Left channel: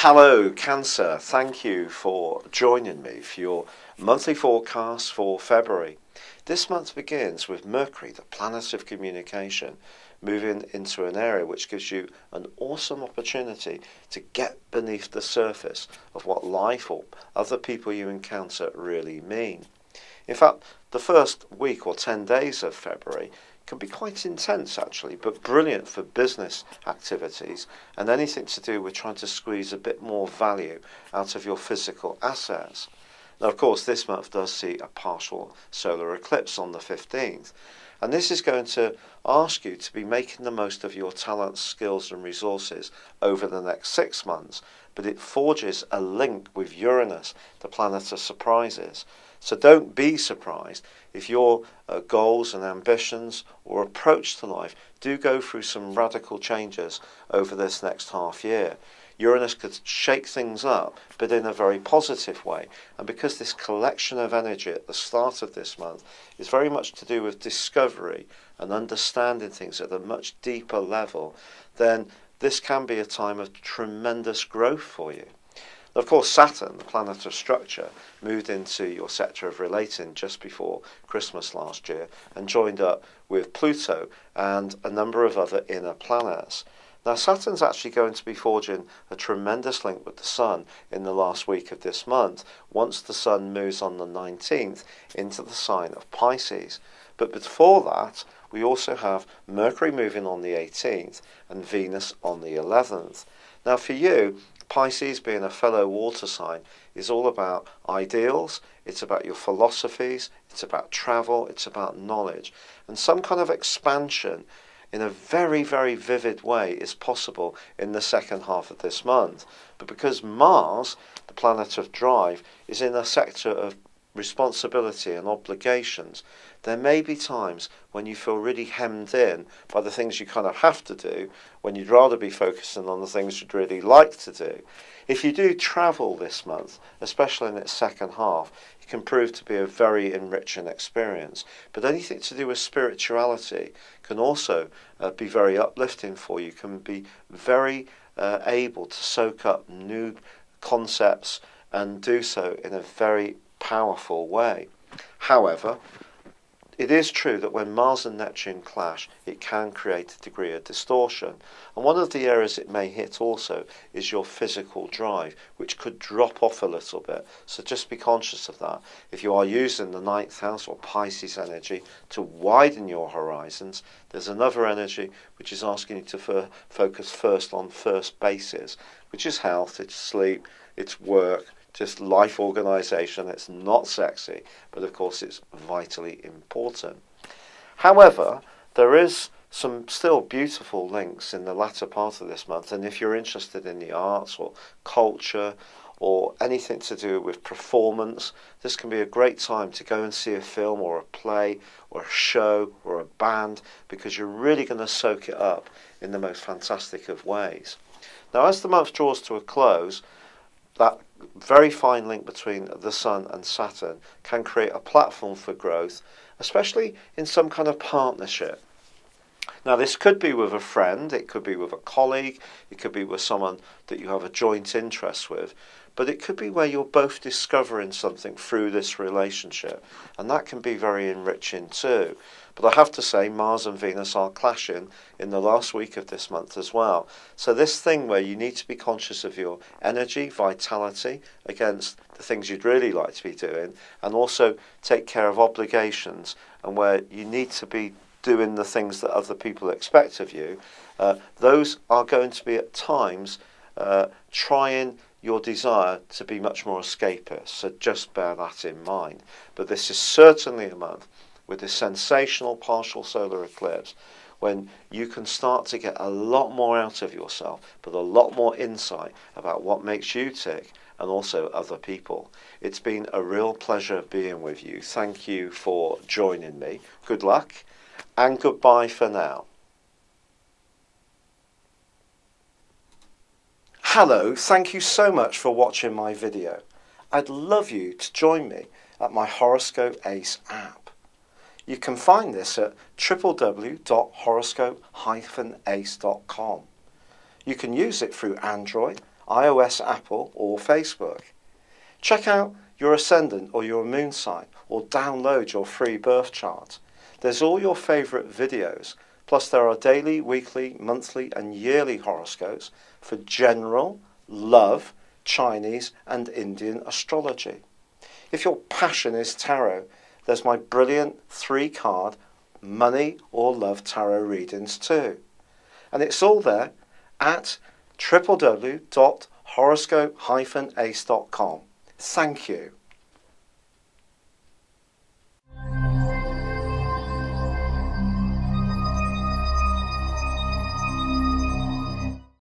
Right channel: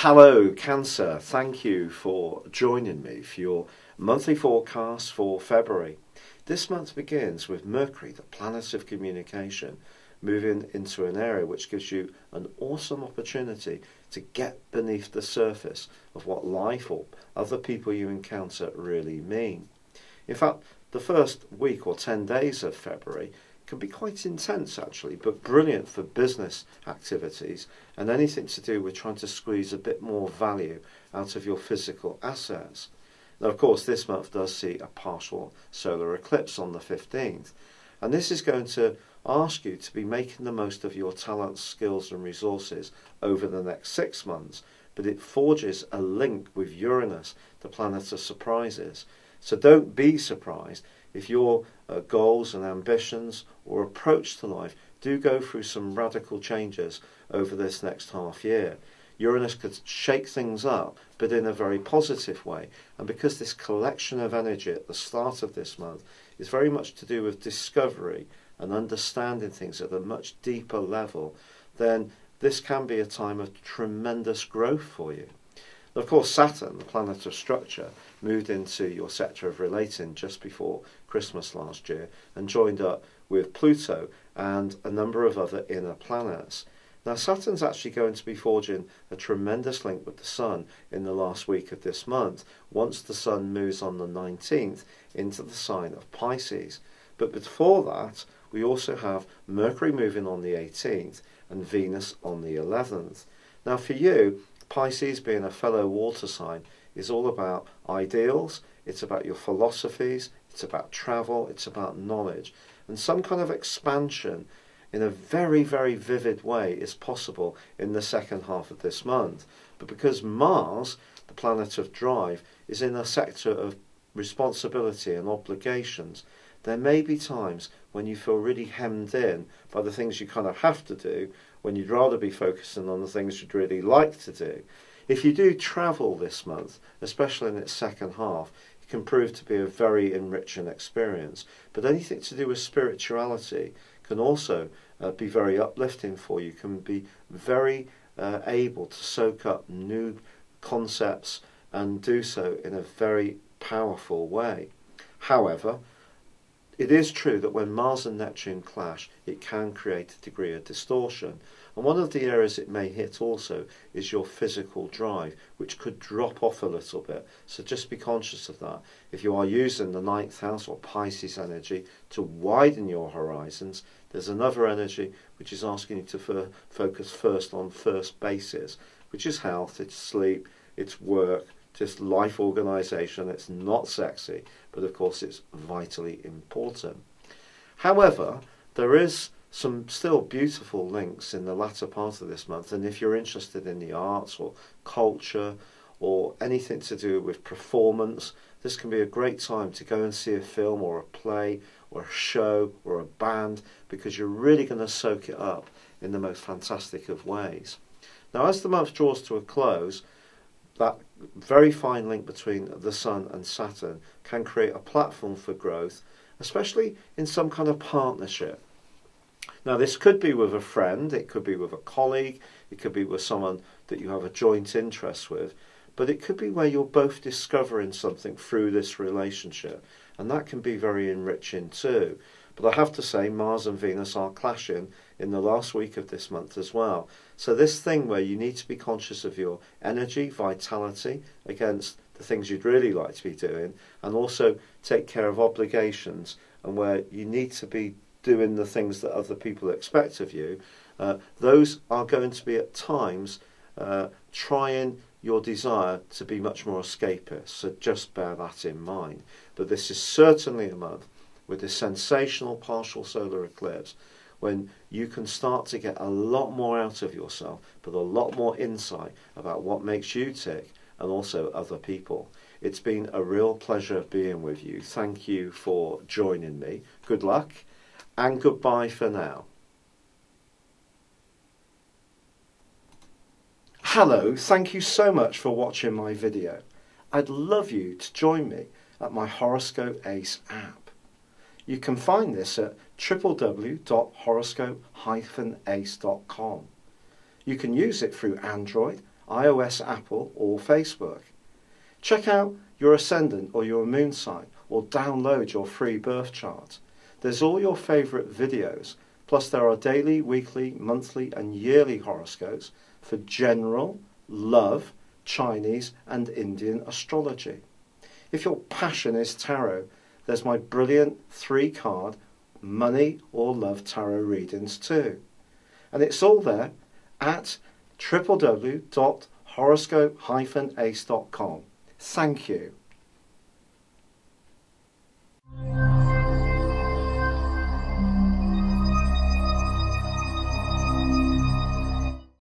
Hello, Cancer. Thank you for joining me for your monthly forecast for February. This month begins with Mercury, the planet of communication, moving into an area which gives you an awesome opportunity to get beneath the surface of what life or other people you encounter really mean. In fact, the first week or 10 days of February can be quite intense actually, but brilliant for business activities and anything to do with trying to squeeze a bit more value out of your physical assets. Now, of course, this month does see a partial solar eclipse on the 15th, and this is going to ask you to be making the most of your talents, skills and resources over the next 6 months, but it forges a link with Uranus, the planet of surprises. So don't be surprised if your goals and ambitions or approach to life do go through some radical changes over this next half year. Uranus could shake things up, but in a very positive way. And because this collection of energy at the start of this month is very much to do with discovery and understanding things at a much deeper level, then this can be a time of tremendous growth for you. Of course, Saturn, the planet of structure, moved into your sector of relating just before Christmas last year and joined up with Pluto and a number of other inner planets. Now, Saturn's actually going to be forging a tremendous link with the Sun in the last week of this month, once the Sun moves on the 19th into the sign of Pisces. But before that, we also have Mercury moving on the 18th and Venus on the 11th. Now, for you, Pisces, being a fellow water sign, is all about ideals, it's about your philosophies, it's about travel, it's about knowledge. And some kind of expansion in a very, very vivid way is possible in the second half of this month. But because Mars, the planet of drive, is in a sector of responsibility and obligations, there may be times when you feel really hemmed in by the things you kind of have to do, when you'd rather be focusing on the things you'd really like to do. If you do travel this month, especially in its second half, it can prove to be a very enriching experience. But anything to do with spirituality can also be very uplifting for you, can be very able to soak up new concepts and do so in a very powerful way. However, it is true that when Mars and Neptune clash, it can create a degree of distortion. And one of the areas it may hit also is your physical drive, which could drop off a little bit. So just be conscious of that. If you are using the 9th house or Pisces energy to widen your horizons, there's another energy which is asking you to focus first on first bases, which is health, it's sleep, it's work, just life organisation. It's not sexy, but of course it's vitally important. However, there is some still beautiful links in the latter part of this month, and if you're interested in the arts or culture or anything to do with performance, this can be a great time to go and see a film or a play or a show or a band, because you're really going to soak it up in the most fantastic of ways. Now, as the month draws to a close, that very fine link between the Sun and Saturn can create a platform for growth, especially in some kind of partnership. Now, this could be with a friend, it could be with a colleague, it could be with someone that you have a joint interest with, but it could be where you're both discovering something through this relationship, and that can be very enriching too. But I have to say, Mars and Venus are clashing in the last week of this month as well. So this thing where you need to be conscious of your energy, vitality against the things you'd really like to be doing, and also take care of obligations, and where you need to be doing the things that other people expect of you, those are going to be at times trying your desire to be much more escapist. So just bear that in mind. But this is certainly a month with this sensational partial solar eclipse when you can start to get a lot more out of yourself, but a lot more insight about what makes you tick and also other people. It's been a real pleasure being with you. Thank you for joining me. Good luck and goodbye for now. Hello, thank you so much for watching my video. I'd love you to join me at my Horoscope Ace app. You can find this at www.horoscope-ace.com. You can use it through Android, iOS, Apple or Facebook. Check out your ascendant or your moon sign, or download your free birth chart. There's all your favourite videos, plus there are daily, weekly, monthly and yearly horoscopes for general, love, Chinese and Indian astrology. If your passion is tarot, there's my brilliant 3-card money or love tarot readings too. And it's all there at www.horoscope-ace.com. Thank you.